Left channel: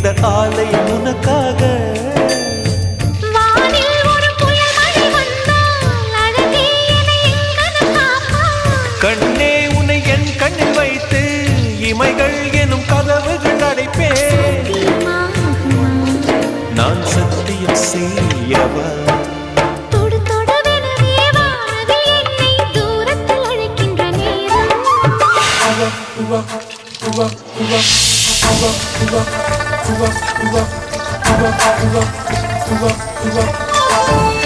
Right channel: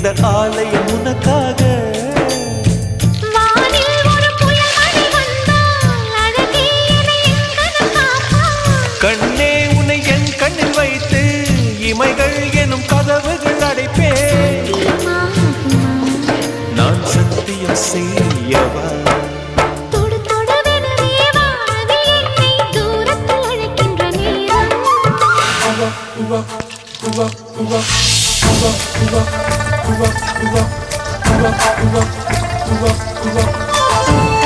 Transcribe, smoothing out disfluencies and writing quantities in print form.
இந்த ஆலயம் உனக்காக. வானில் ஒரு புயல் மழை வந்தால் அழகே என்னை எங்கனம் காப்பாய். கண்ணே உன்னை என் கண்ணில் வைத்து இமைகள் எனும் கதவுகள் அடைப்பேன். சத்தியமாகுமா? நான் சத்தியம் செய்யவா? தொடு தொடுவெனவே வானவில் என்னை தூரத்தில் அழைக்கின்ற நேரம். உவா